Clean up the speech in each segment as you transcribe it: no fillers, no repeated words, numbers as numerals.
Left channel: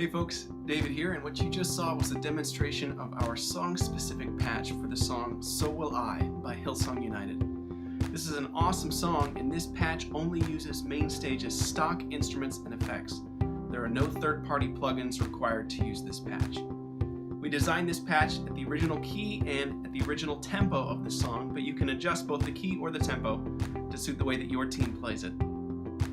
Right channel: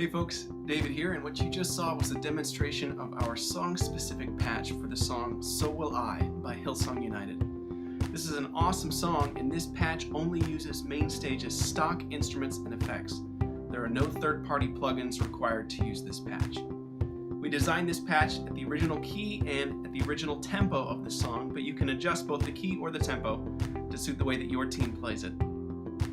Hey folks, David here, and what you just saw was a demonstration of our song-specific patch for the song So Will I by Hillsong United. This is an awesome song, and this patch only uses MainStage's stock instruments and effects. There are no third-party plugins required to use this patch. We designed this patch at the original key and at the original tempo of the song, but you can adjust both the key or the tempo to suit the way that your team plays it.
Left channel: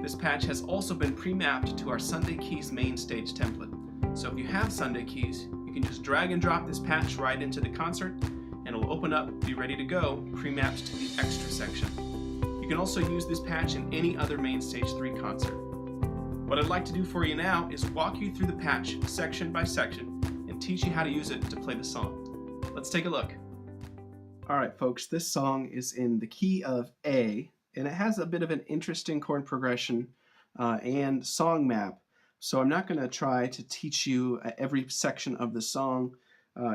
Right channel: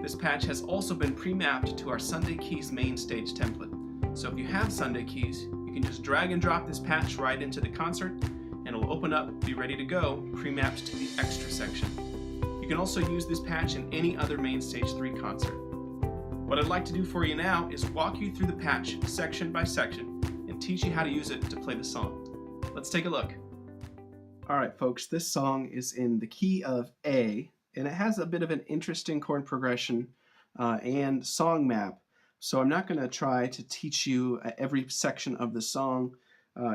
This patch has also been pre-mapped to our Sunday Keys MainStage template. So if you have Sunday Keys, you can just drag and drop this patch right into the concert and it'll open up, be ready to go, pre-mapped to the extra section. You can also use this patch in any other MainStage 3 concert. What I'd like to do for you now is walk you through the patch section by section and teach you how to use it to play the song. Let's take a look. Alright folks, this song is in the key of A, and it has a bit of an interesting chord progression and song map. So I'm not going to try to teach you every section of the song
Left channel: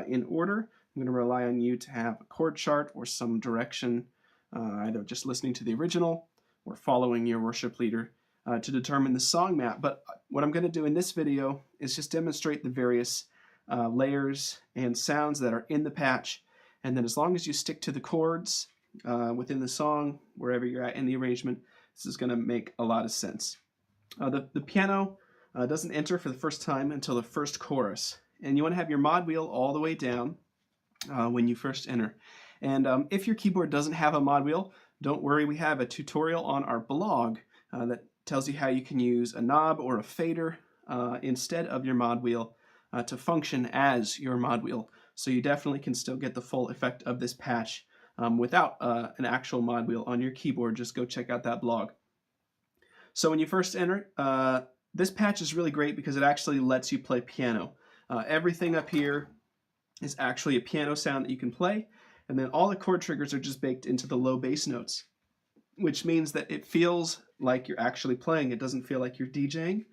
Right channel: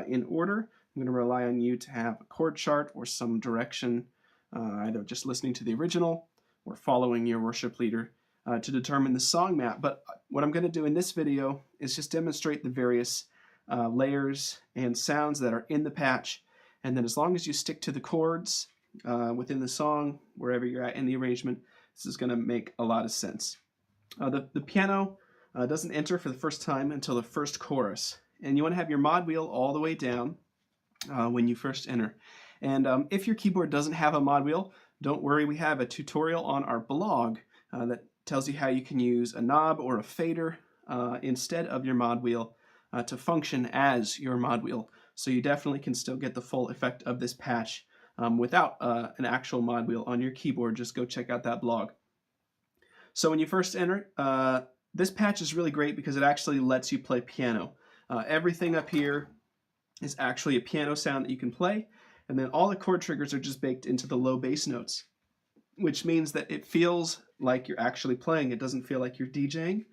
in order. I'm going to rely on you to have a chord chart or some direction, either just listening to the original or following your worship leader to determine the song map. But what I'm going to do in this video is just demonstrate the various layers and sounds that are in the patch. And then as long as you stick to the chords within the song, wherever you're at in the arrangement, this is going to make a lot of sense. The piano doesn't enter for the first time until the first chorus. And you want to have your mod wheel all the way down when you first enter. And if your keyboard doesn't have a mod wheel, don't worry, we have a tutorial on our blog that tells you how you can use a knob or a fader instead of your mod wheel to function as your mod wheel. So you definitely can still get the full effect of this patch without an actual mod wheel on your keyboard. Just go check out that blog. So when you first enter, this patch is really great because it actually lets you play piano. Everything up here is actually a piano sound that you can play, and then all the chord triggers are just baked into the low bass notes, which means that it feels like you're actually playing. It doesn't feel like you're DJing.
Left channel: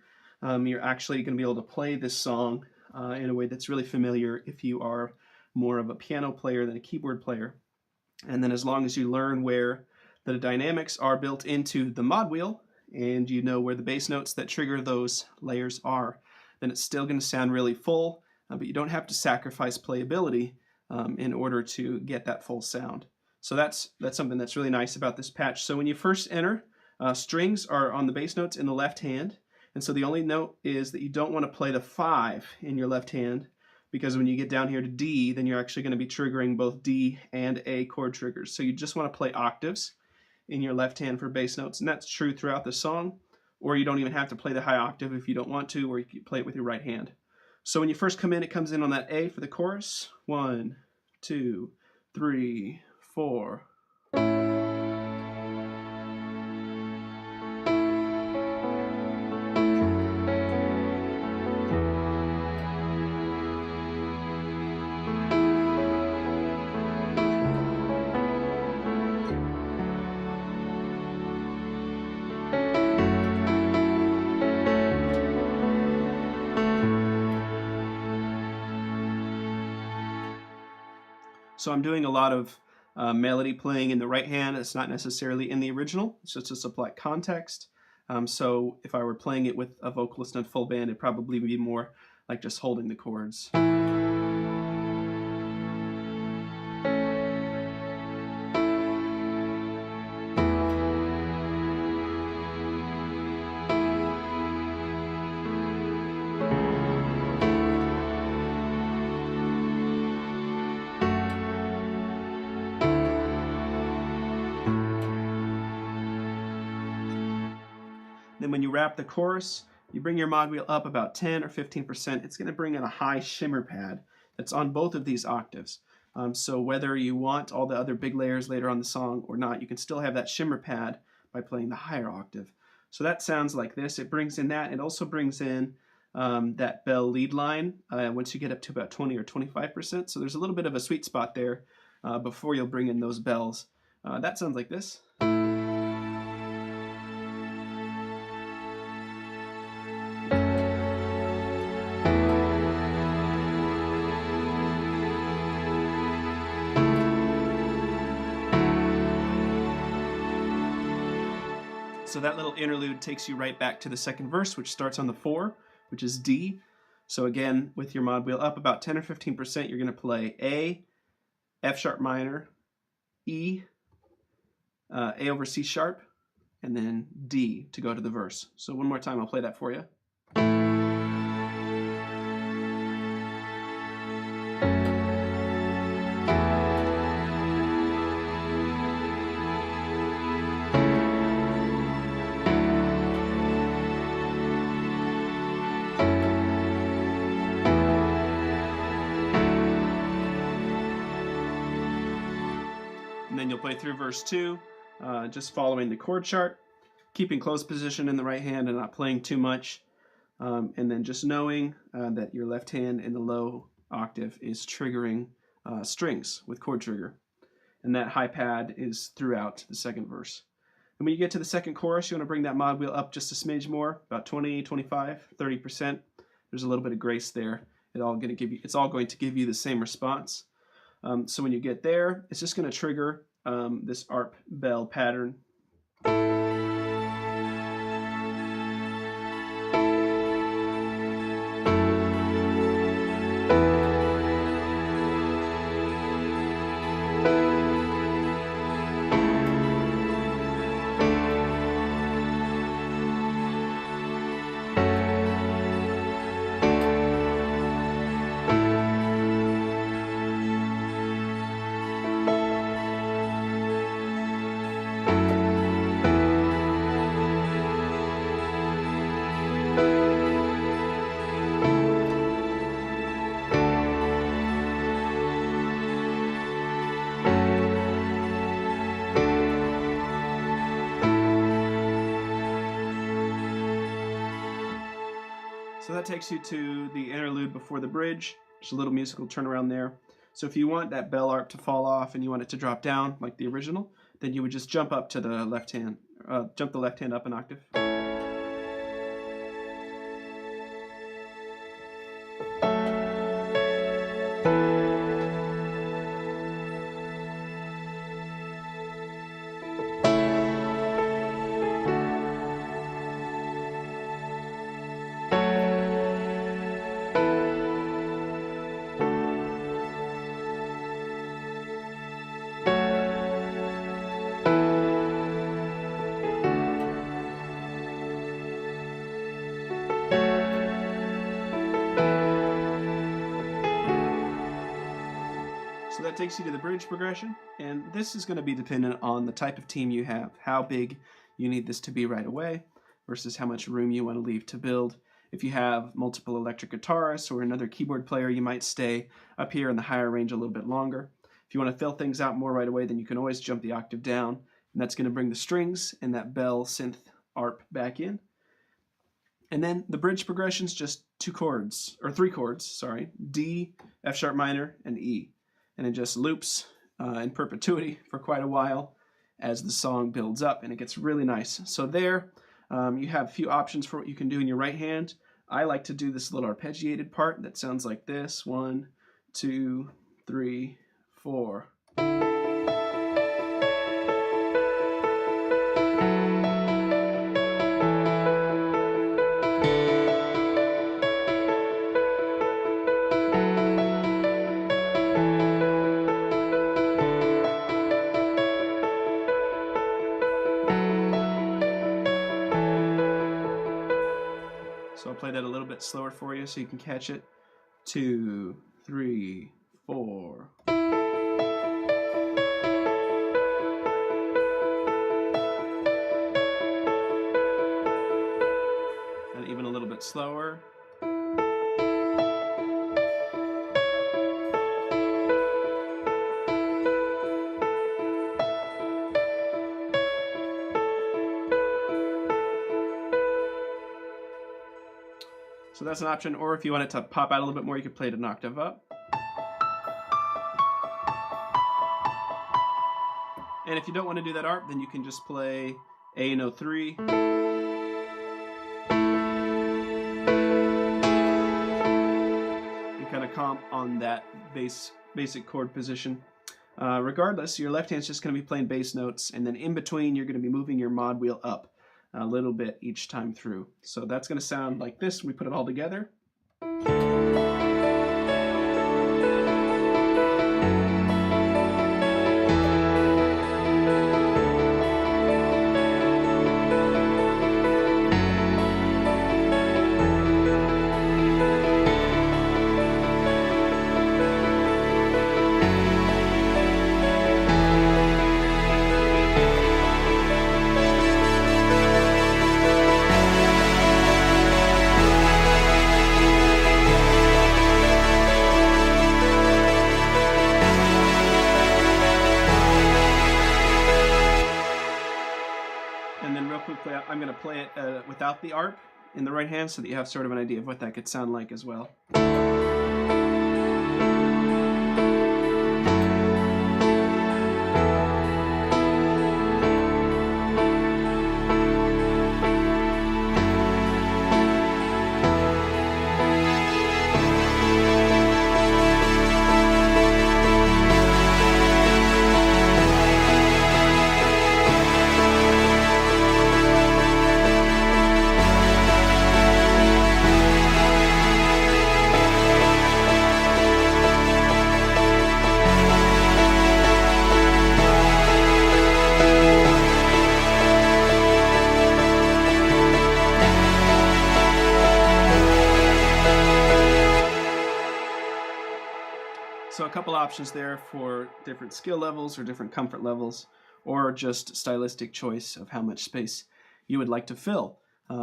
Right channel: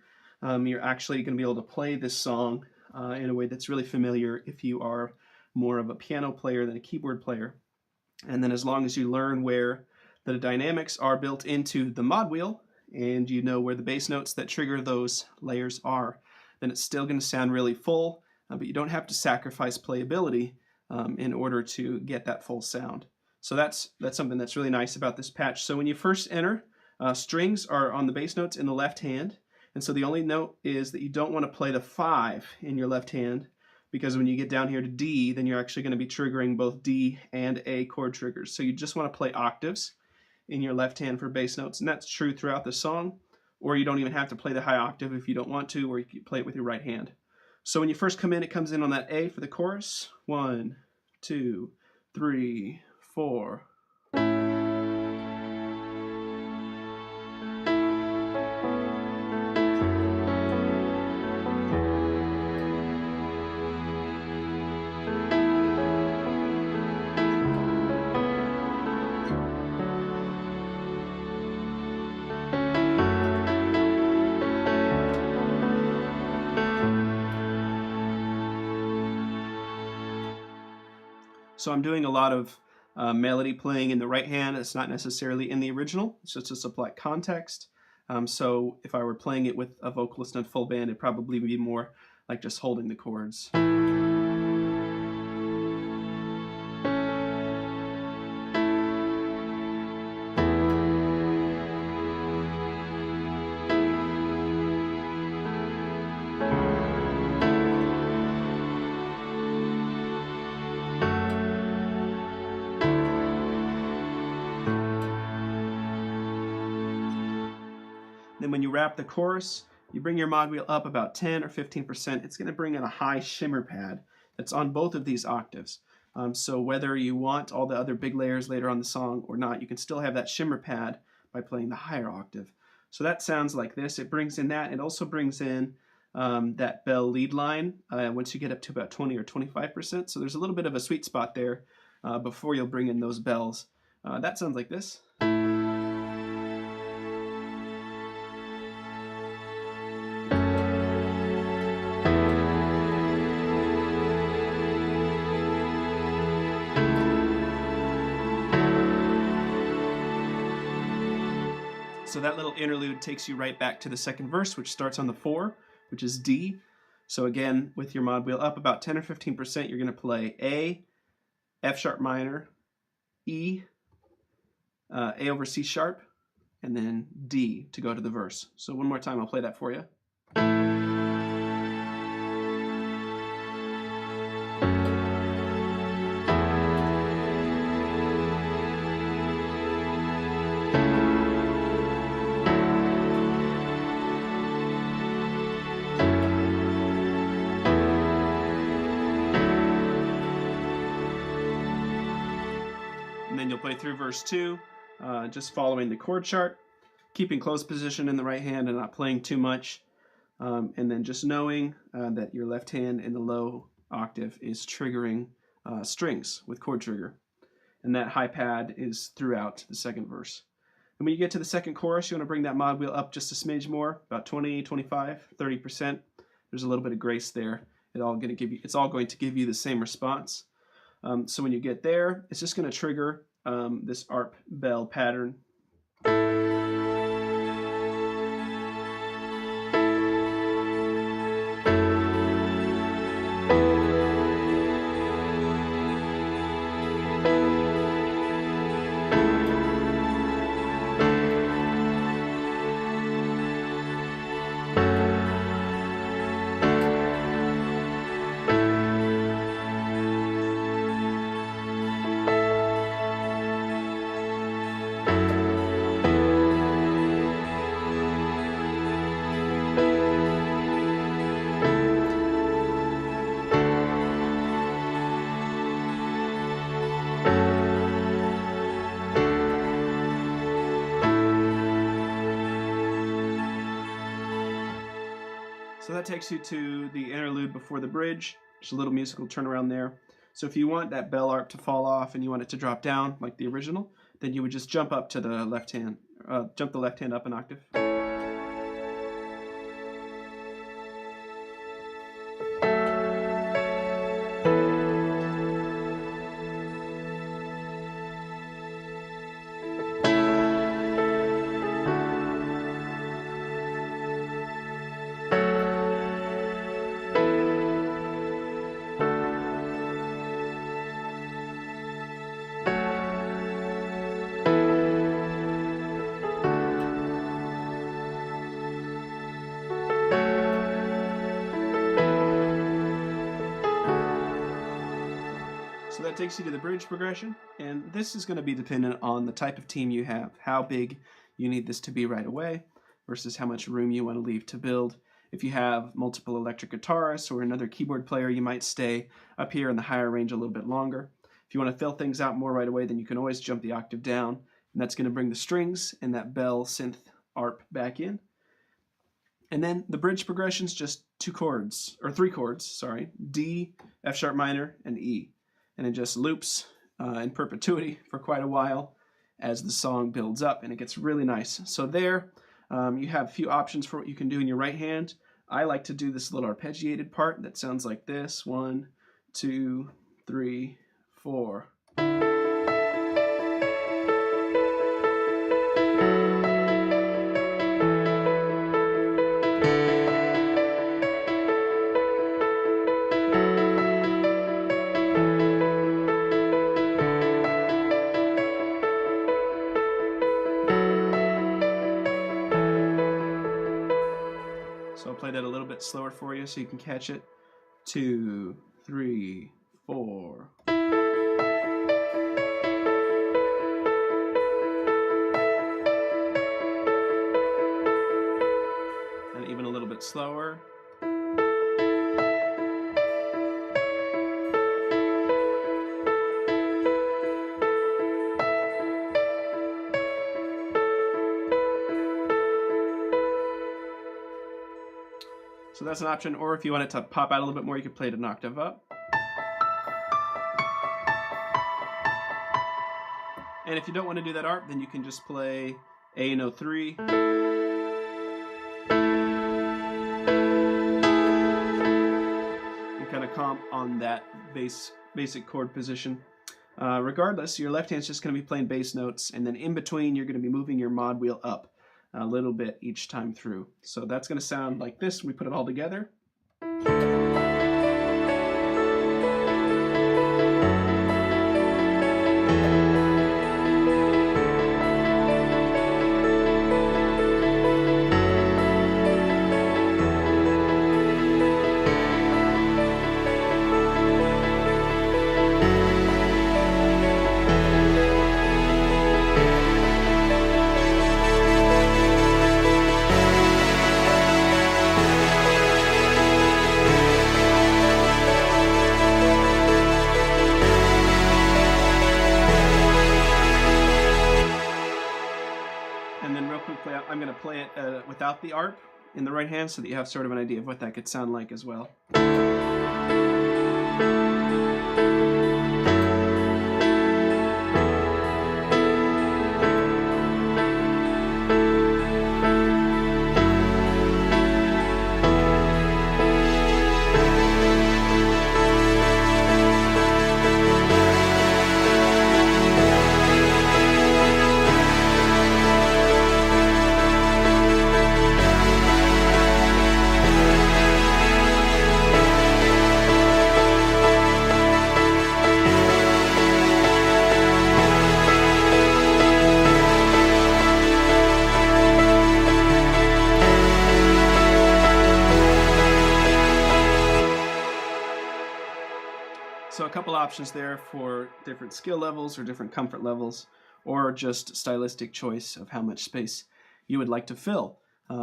You're actually going to be able to play this song in a way that's really familiar if you are more of a piano player than a keyboard player. And then as long as you learn where the dynamics are built into the mod wheel, and you know where the bass notes that trigger those layers are, then it's still going to sound really full, but you don't have to sacrifice playability in order to get that full sound. So that's something that's really nice about this patch. So when you first enter, strings are on the bass notes in the left hand, and so the only note is that you don't want to play the 5 in your left hand, because when you get down here to D, then you're actually going to be triggering both D and A chord triggers. So you just want to play octaves in your left hand for bass notes, and that's true throughout the song. Or you don't even have to play the high octave if you don't want to, or you can play it with your right hand. So when you first come in, it comes in on that A for the chorus. 1, 2, 3, 4. So I'm doing a lot of melody playing in the right hand. It's not necessarily in the original. It's just to supply context. So if I were playing it with a vocalist and full band, it'd probably be more like just holding the chords. Then when you wrap the chorus, you bring your mod wheel up about 10 or 15%. It's going to bring in a high shimmer pad that's on both of these octaves. So whether you want all the other big layers later on the song or not, you can still have that shimmer pad by playing the higher octave. So that sounds like this. It brings in that. It also brings in that bell lead line once you get up to about 20 or 25%. So there's a little bit of a sweet spot there before you'll bring in those bells. That sounds like this. So that little interlude takes you right back to the second verse, which starts on the 4, which is D. So again, with your mod wheel up about 10 or 15%, you're going to play A, F sharp minor, E, A over C sharp, and then D to go to the verse. So one more time, I'll play that for you. And then you'll play through verse 2, just following the chord chart, keeping close position in the right hand and not playing too much, and then just knowing that your left hand in the low octave is triggering strings with chord trigger. And that high pad is throughout the second verse. And when you get to the second chorus, you want to bring that mod wheel up just a smidge more, about 20, 25, 30%. There's a little bit of grace there. It's all going to give you the same response. So when you get there, it's just going to trigger this ARP bell pattern. So that takes you to the interlude before the bridge. There's a little musical turnaround there. So if you want that bell ARP to fall off and you want it to drop down like the original, then you would just jump up to the left hand, jump the left hand up an octave. So that takes you to the bridge progression, and this is going to be dependent on the type of team you have, how big you need this to be right away versus how much room you want to leave to build. If you have multiple electric guitarists or another keyboard player, you might stay up here in the higher range a little bit longer. If you want to fill things out more right away, then you can always jump the octave down, and that's going to bring the strings and that bell synth ARP back in. And then the bridge progression is just three chords, D, F sharp minor, and E. And it just loops in perpetuity for quite a while as the song builds up, and it gets really nice. So there, you have a few options for what you can do in your right hand. I like to do this little arpeggiated part that sounds like this: 1, 2, 3, 4. So I'll play that a little bit slower for you so you can catch it. 2, 3, 4. And even a little bit slower. So that's an option, or if you want it to pop out a little bit more, you could play it an octave up. And if you don't want to do that ARP, then you can just play A and O3. You kind of comp on that basic chord position. Regardless, your left hand's just going to be playing bass notes, and then in between, you're going to be moving your mod wheel up a little bit each time through. So that's going to sound like this when we put it all together. And then real quickly, I'm going to play it without the ARP in the right hand so that you have sort of an idea of what that could sound like as well. So a couple options there for different skill levels or different comfort levels, or just stylistic choice of how much space you would like to fill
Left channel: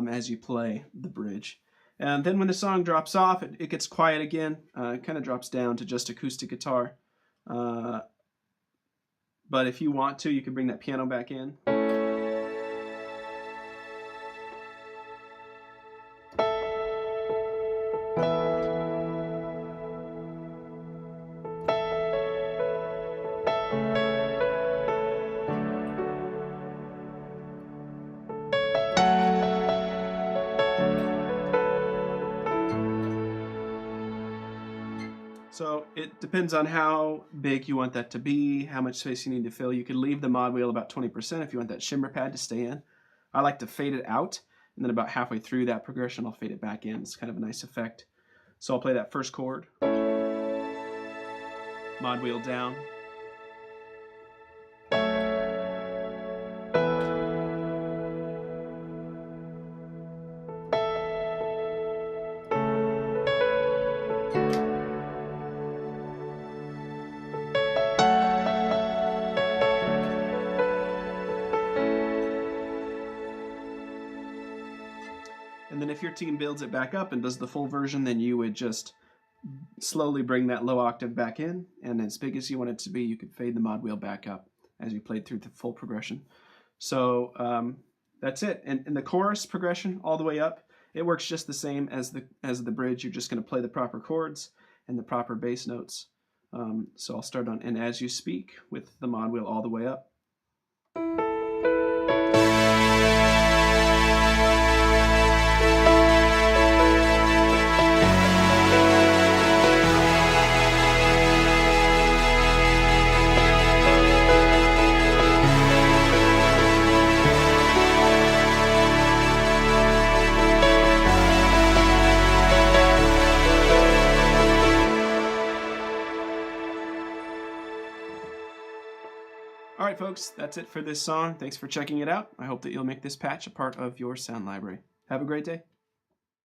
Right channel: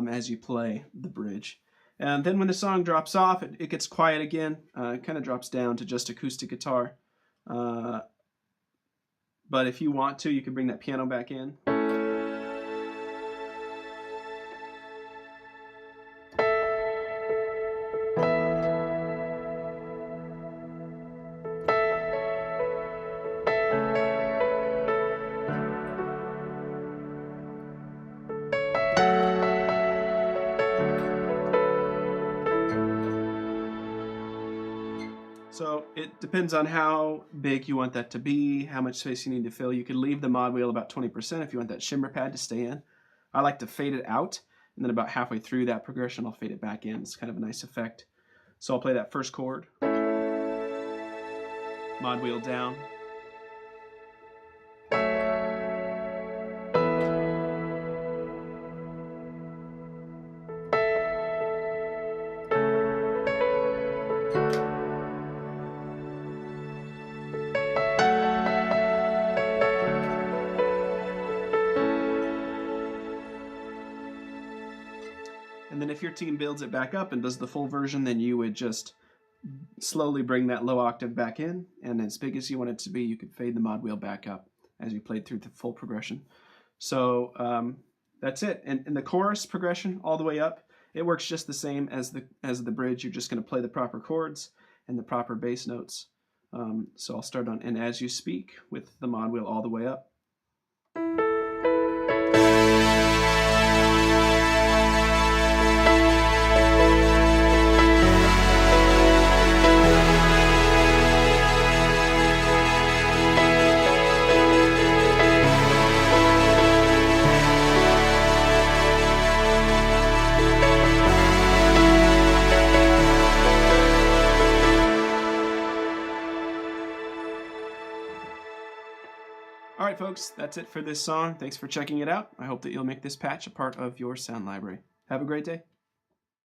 as you play the bridge. And then when the song drops off, it gets quiet again. It kind of drops down to just acoustic guitar. But if you want to, you can bring that piano back in. So it depends on how big you want that to be, how much space you need to fill. You could leave the mod wheel about 20% if you want that shimmer pad to stay in. I like to fade it out, and then about halfway through that progression, I'll fade it back in. It's kind of a nice effect. So I'll play that first chord, mod wheel down. And then if your team builds it back up and does the full version, then you would just slowly bring that low octave back in, and as big as you want it to be, you could fade the mod wheel back up as you played through the full progression. So that's it. And the chorus progression all the way up, it works just the same as the bridge. You're just going to play the proper chords and the proper bass notes. So I'll start on "And As You Speak" with the mod wheel all the way up. All right, folks, that's it for this song. Thanks for checking it out. I hope that you'll make this patch a part of your sound library. Have a great day.